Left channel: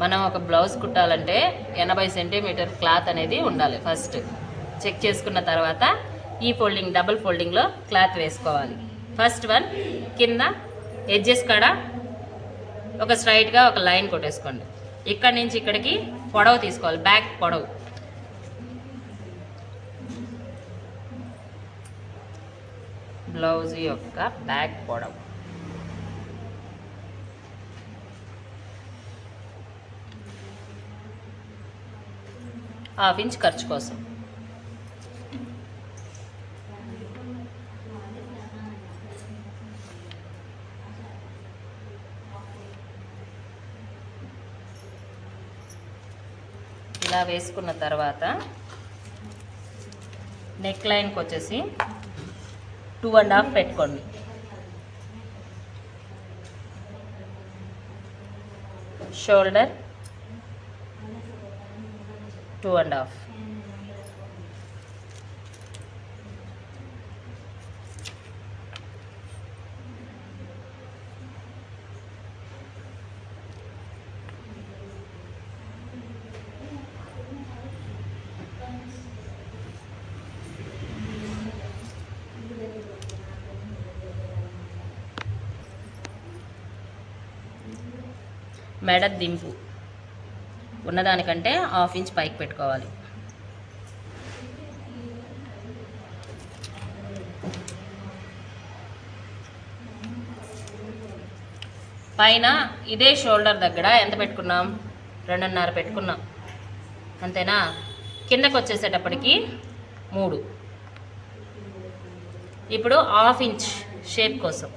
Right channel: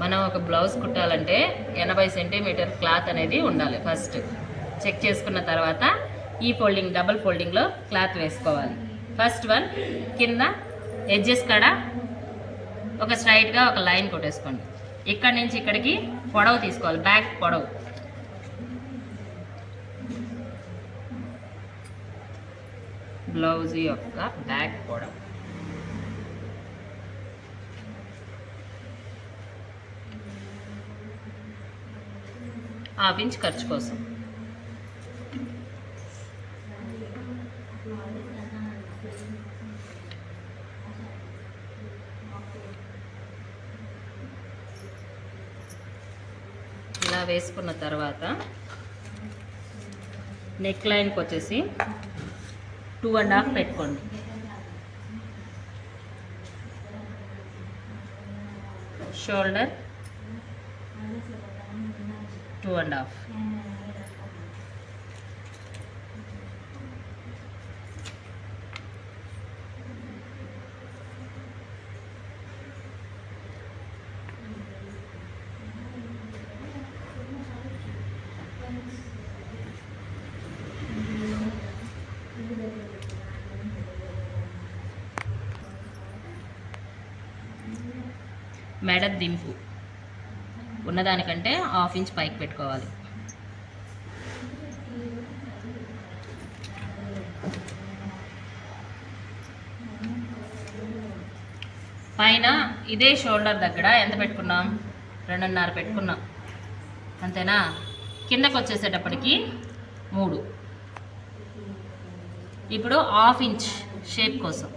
మనం ఒక బ్లౌజ్ కుట్టాలంటే ఎనభై సెంటీమీటర్ క్లాత్ అనేది ఉండాలి ఫస్ట్. చెక్ చేసుకున్న తర్వాత ఈ ఫోల్డింగ్ డబుల్ ఫోల్డింగ్లో క్లాత్ వేసుకోవాలి. ఫస్ట్ వన్ కింద ఎడ్జెస్ కాడ ఒక స్ట్రైట్గా ఒక లైన్ కొట్టేసుకోండి. ఇక్కడ నుంచి ఇక్కడికి పొడవు తీసుకోవాలి బ్యాక్ పొడవు. బ్లౌజ్ యొక్క బ్యాక్ పొడవు. హాఫ్ ఇంచ్ ఖర్చు కోసం. ఇలా వేసుకున్న తర్వాత నెక్ లైన్కి వచ్చేసి టూ అండ్ హాఫ్ పెట్టుకోండి. షోల్డర్ టూ అండ్ హాఫ్ మెడ దింపు ఉన్నదానికంటే హాఫ్ ఇంచ్ పైకి పెట్టుకోవాలి. పైన ఇదే షోల్డర్ దగ్గర ఎంత పెట్టుకున్నాం? రెండున్నర పెట్టుకున్నాం. అంతేనా? కిందకు వచ్చేసేటప్పటికి మూడు. ఇప్పుడు హాఫ్ ఇంచ్ షేప్ కోసం.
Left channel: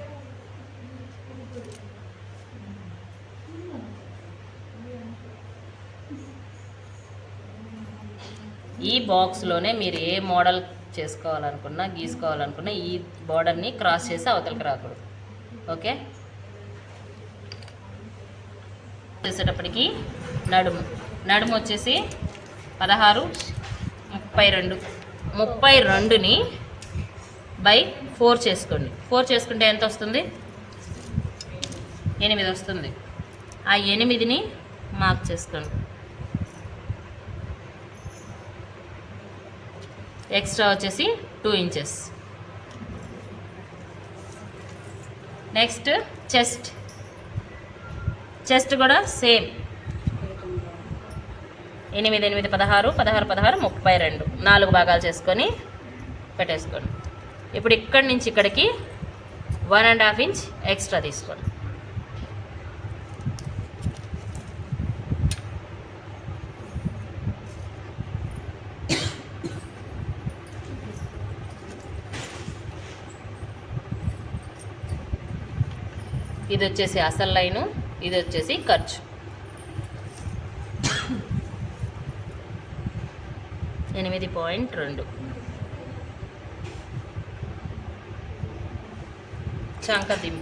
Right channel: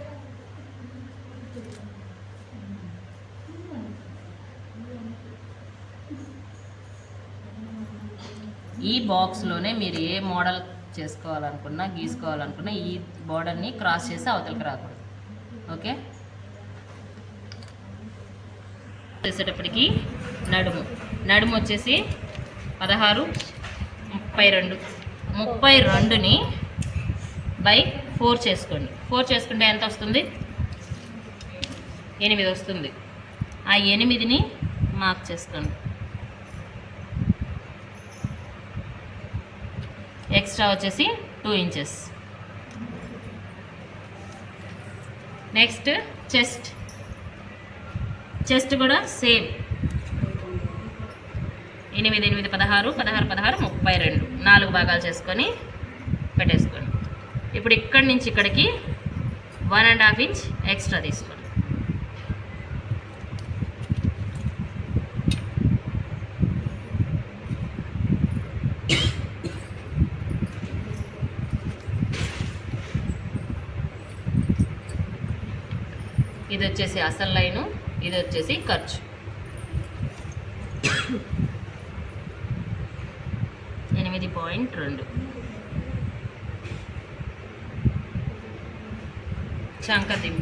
ఈ బాక్స్లోనే మీరు ఏ మోడల్ చేసుకోవాలనుకున్నా గీసుకోవాలనుకున్నా ఈ బోర్డర్ని క్రాస్ చేసి అవతలకి రాకూడదు. ఓకే? చేసేటప్పటికి నడుము. నడుము వచ్చేసి పదహారు ముప్పై రెండు. ముప్పై రెండుని బై ఫోర్ చేసుకోండి. ఫోర్ చేసుకుంటే ఎంత వస్తుంది? ఎనిమిది వస్తుంది. ఆ ఎనిమిదిని మార్క్ చేసుకోండి ఎక్స్ట్రా వచ్చేసి two inches. Next chest. Chest కూడా సేమ్. ఎనిమిది ఎనిమిది పదహారు పదహారు పదహారు ముప్పై రెండు. నాలుగు భాగాలు చేసుకొని పెట్టేసుకోండి. ఇప్పుడు ఇక్కడి నుంచి ఇక్కడికి one and half inch extra తీసుకోండి. ఇది వచ్చేసి అసలు లైను ఇది వచ్చేసి ఖర్చు. ఎనిమిది పాయింట్ రెండు. చంకతిం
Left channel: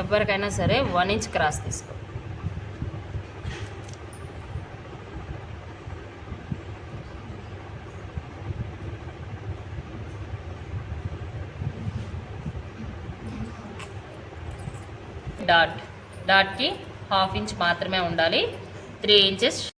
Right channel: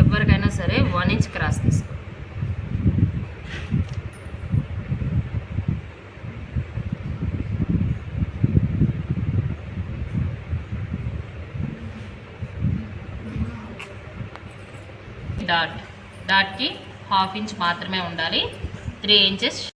ఎవరికైనా సరే వన్ ఇంచ్ క్రాస్ తీసుకో. డాట్ డాట్కి హాఫ్ ఇంచ్ మాత్రమే ఉండాలి. Three inches